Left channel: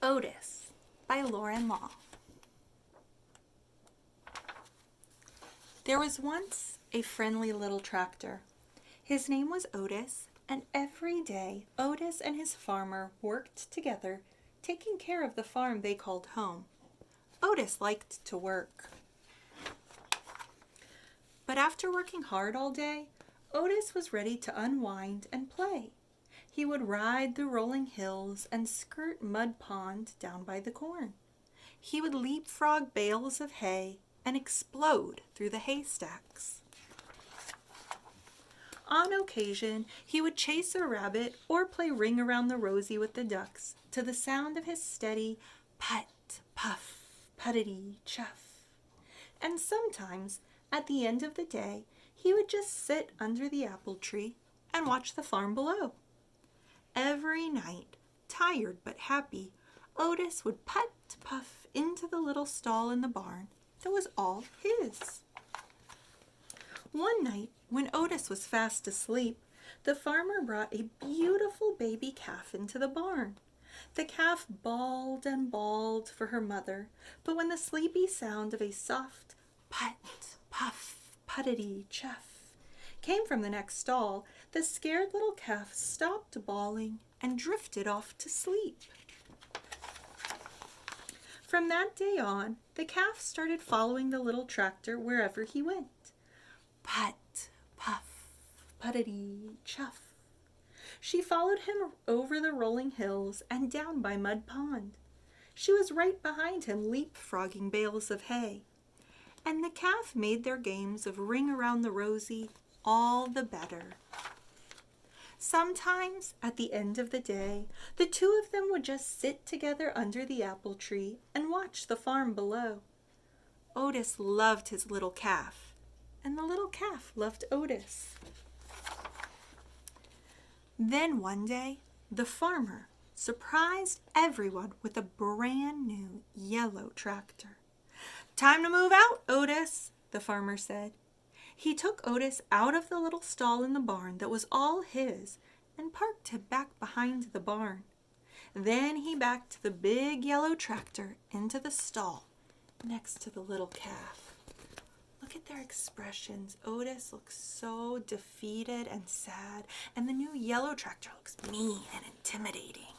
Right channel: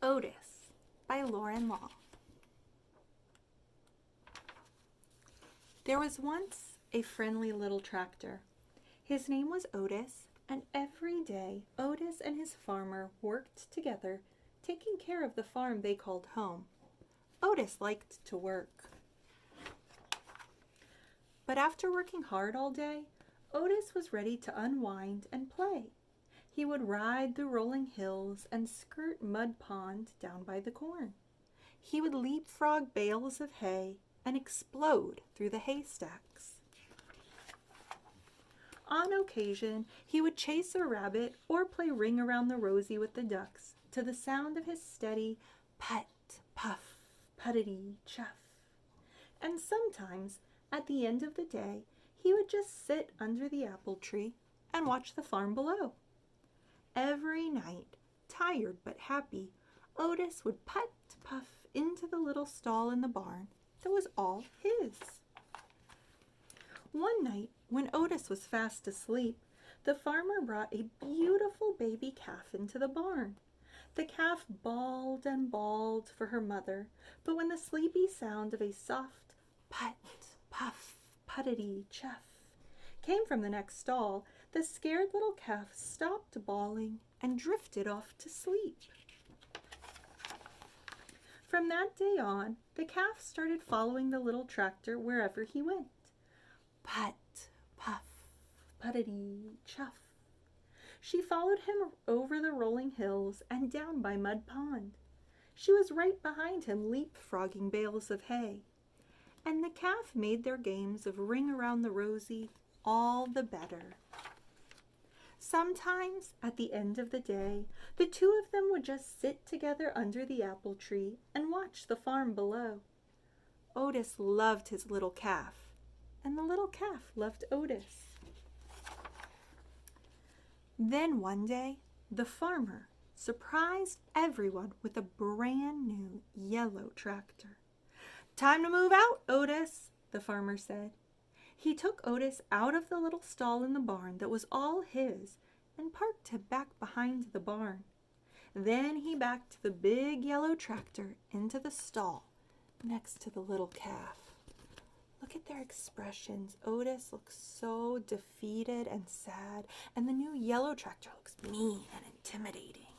Otis by Loren. There was once a friendly little tractor. His name was Otis, and every day Otis and his farmer worked together, taking care of the farm they called home. Otis liked to work. But after working hard all day, Otis was ready to unwind and play. He would ride the rolling hills and skirt Mud Pond down by the corn. He would leapfrog bales of hay and explode through the haystacks. On occasion, he would chase a rabbit or play ring-around-the-rosy with the ducks to the sound of his steady put, puff, puttity, chuff. And sometimes, at the end of the day, he would just sit under the apple tree and watch the farm below. Every night, tired but happy, Otis would put, puff into the little stall in the barn that was all his. One night, when Otis was fast asleep, the farmer brought a beautiful baby calf into the barn. The calf bawled and bawled for her mother, but when the sleepy sound of a soft put, puff, puttity, chuff came from the next stall, the scared little calf stopped bawling and drifted off to sleep. From that day on, the calf started following the little tractor wherever he went. Put, puff, puttity, chuff. She followed him over the rolling hills and down by Mud Pond. She was right behind him, leapfrogging bales of hay. And the calf made their games of ring-around-the-rosy all the better. Sometimes, at the end of the day, the two of them would just sit together under the apple tree and watch the farm below. Otis loved his little calf, and the little calf loved Otis. Then one day, the farmer surprised everyone with a brand new yellow tractor. "Time to move out, Otis," the farmer said. He took Otis out of the little stall in the barn that was all his and parked him back behind the barn. Then he backed the big yellow tractor into the stall next to the little calf. Look at their expressions. Otis looks so defeated and sad, and the new yellow tractor looks mean and intimidating.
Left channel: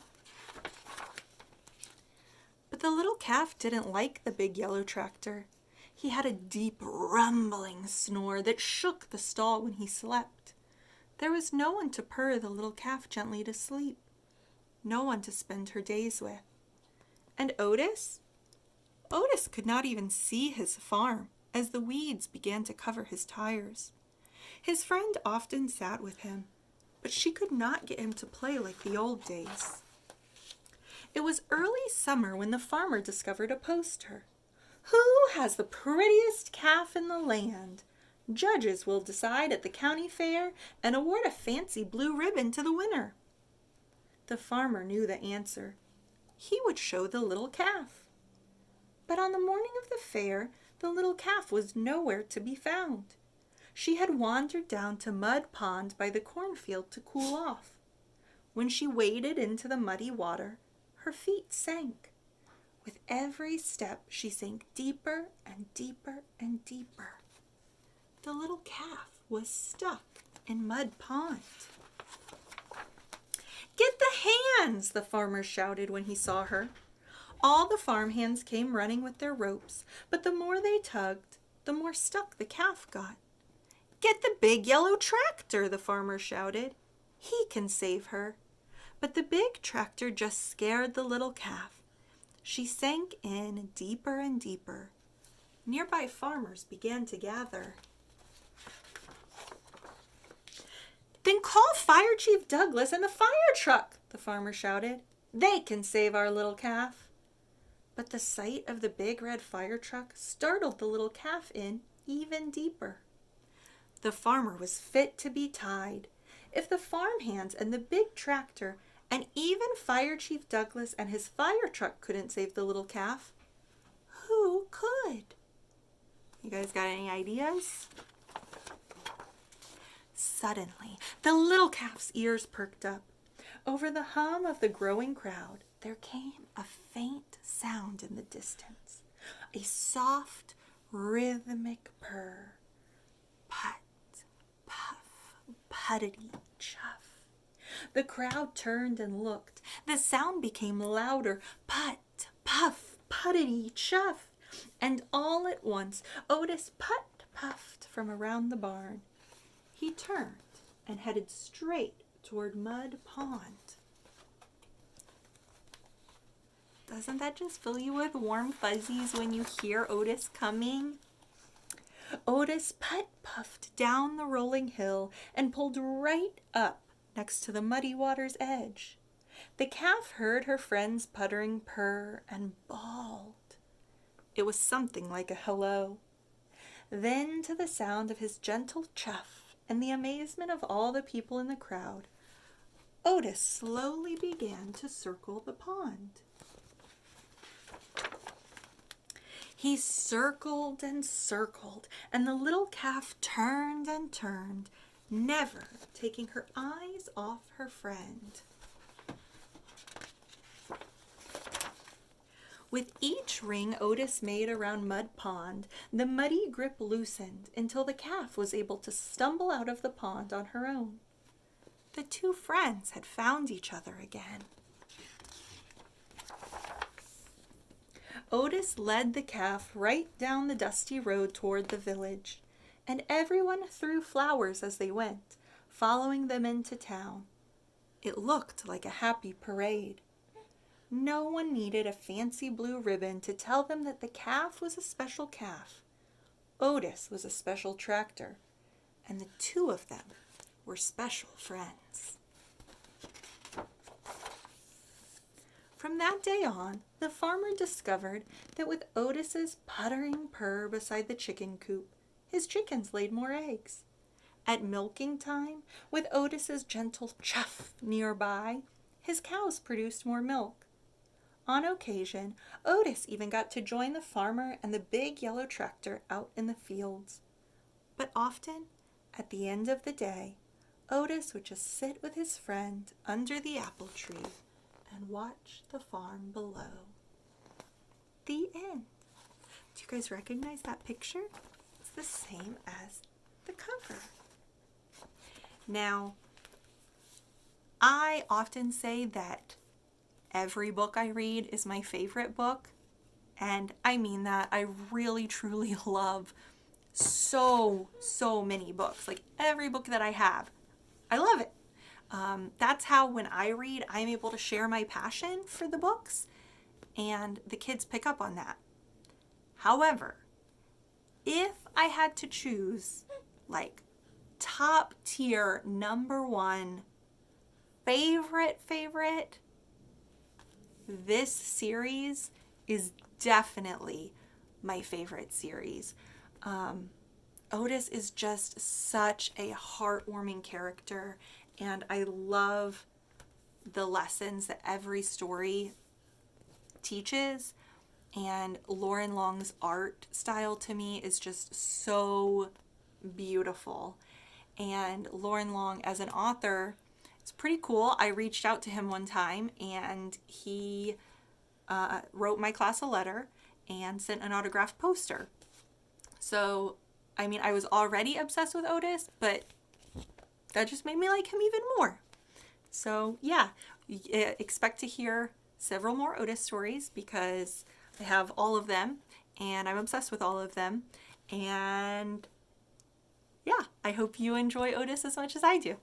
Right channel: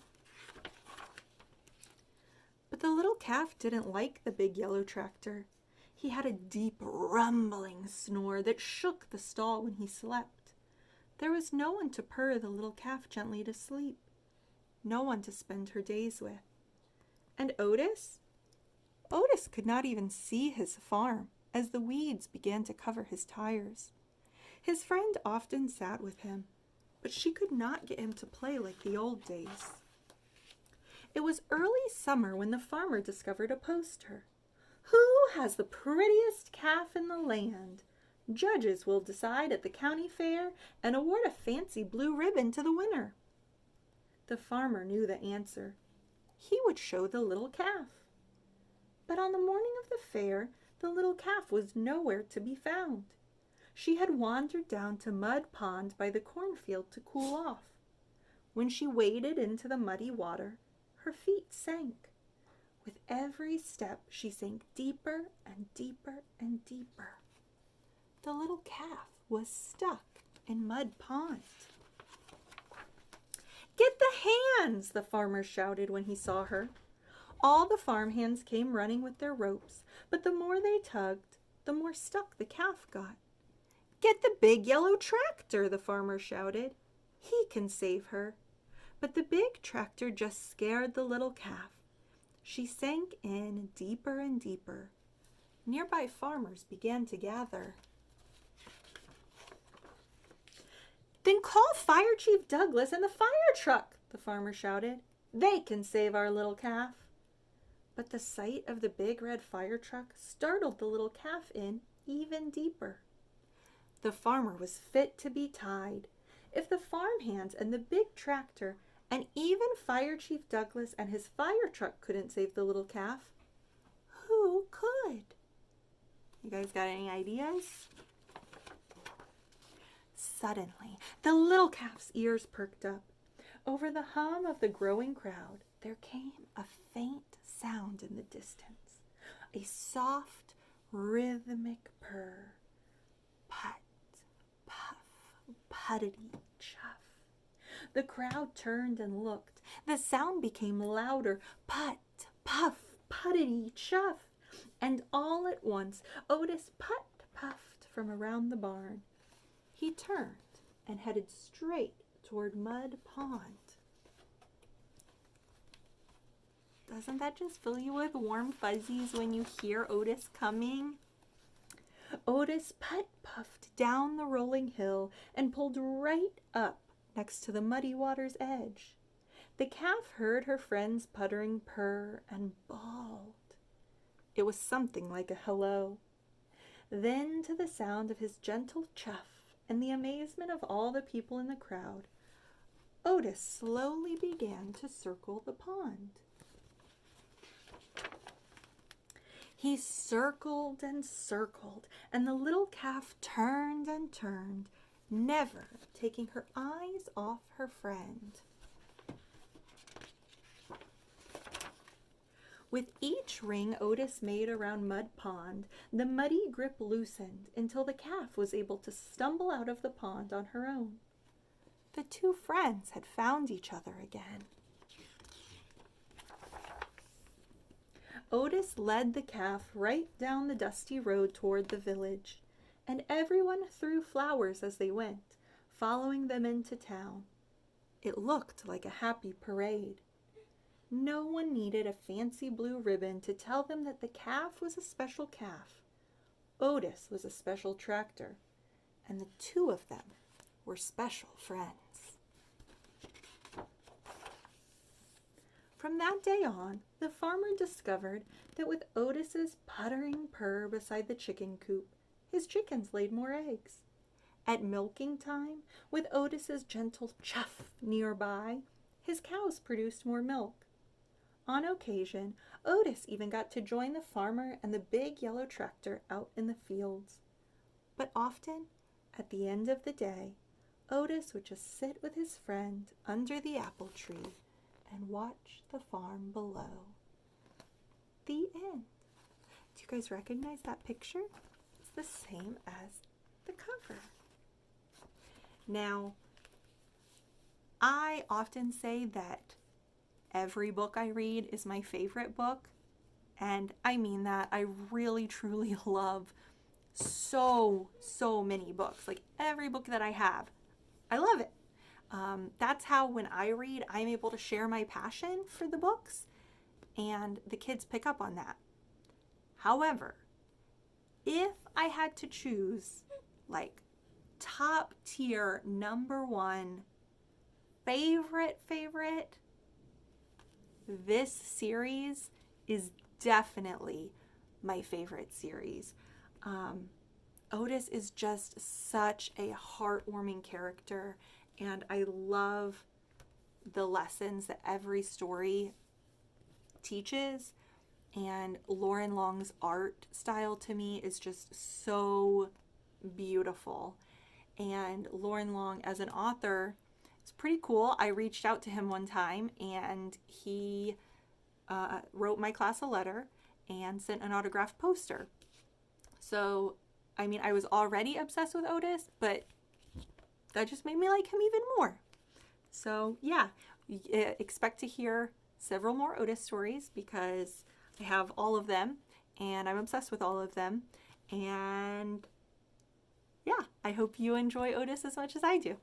But the little calf didn't like the big yellow tractor. He had a deep rumbling snore that shook the stall when he slept. There was no one to purr the little calf gently to sleep, no one to spend her days with. And Otis could not even see his farm as the weeds began to cover his tires. His friend often sat with him, but she could not get him to play like the old days. It was early summer when the farmer discovered a poster. "Who has the prettiest calf in the land? Judges will decide at the county fair and award a fancy blue ribbon to the winner." The farmer knew the answer. He would show the little calf. But on the morning of the fair, the little calf was nowhere to be found. She had wandered down to Mud Pond by the cornfield to cool off. When she waded into the muddy water, her feet sank. With every step, she sank deeper and deeper and deeper. The little calf was stuck in Mud Pond. "Get the hands!" the farmer shouted when he saw her. All the farm hands came running with their ropes, but the more they tugged, the more stuck the calf got. "Get the big yellow tractor!" the farmer shouted. "He can save her." But the big tractor just scared the little calf. She sank in deeper and deeper. Nearby farmers began to gather. "Then call Fire Chief Douglas and the fire truck!" the farmer shouted. "They can save our little calf." But the sight of the big red fire truck startled the little calf in even deeper. The farmer was fit to be tied. If the farmhands and the big tractor and even Fire Chief Douglas and his fire truck couldn't save the little calf, who could? You guys got any ideas? Suddenly, the little calf's ears perked up. Over the hum of the growing crowd, there came a faint sound in the distance, a soft, rhythmic purr. Put, puff, puttity, chuff. The crowd turned and looked. The sound became louder. Put, puff, puttity, chuff. And all at once, Otis puffed from around the barn. He turned and headed straight toward Mud Pond. Doesn't that just fill you with warm fuzzies when you hear Otis coming? Otis puffed down the rolling hill and pulled right up next to the muddy water's edge. The calf heard her friend's puttering purr and bawled. It was something like a hello. Then, to the sound of his gentle chuff and the amazement of all the people in the crowd, Otis slowly began to circle the pond. He circled and circled, and the little calf turned and turned, never taking her eyes off her friend. With each ring Otis made around Mud Pond, the muddy grip loosened until the calf was able to stumble out of the pond on her own. The two friends had found each other again. Otis led the calf right down the dusty road toward the village, and everyone threw flowers as they went, following them into town. It looked like a happy parade. No one needed a fancy blue ribbon to tell them that the calf was a special calf. Otis was a special tractor, and the two of them were special friends. From that day on, the farmer discovered that with Otis's puttering purr beside the chicken coop, his chickens laid more eggs. At milking time, with Otis's gentle chuff nearby, his cows produced more milk. On occasion, Otis even got to join the farmer and the big yellow tractor out in the fields. But often, at the end of the day, Otis would just sit with his friend under the apple tree and watch the farm below. The end. Do you guys recognize that picture? It's the same as the cover. Now, I often say that every book I read is my favorite book, and I mean that. I really, truly love so many books. Like every book that I have, I love it. That's how when I read, I'm able to share my passion for the books, and the kids pick up on that. However, if I had to choose like top tier number one favorite, this series is definitely my favorite series. Otis is just such a heartwarming character, and I love the lessons that every story teaches. And Loren Long's art style to me is just so beautiful. And Loren Long as an author, it's pretty cool. I reached out to him one time, and he wrote my class a letter and sent an autographed poster. So, I mean, I was already obsessed with Otis, but that just made me like him even more. So, yeah, expect to hear several more Otis stories because I have all of them, and I'm obsessed with all of them. And, yeah, I hope you enjoy Otis as much as I do.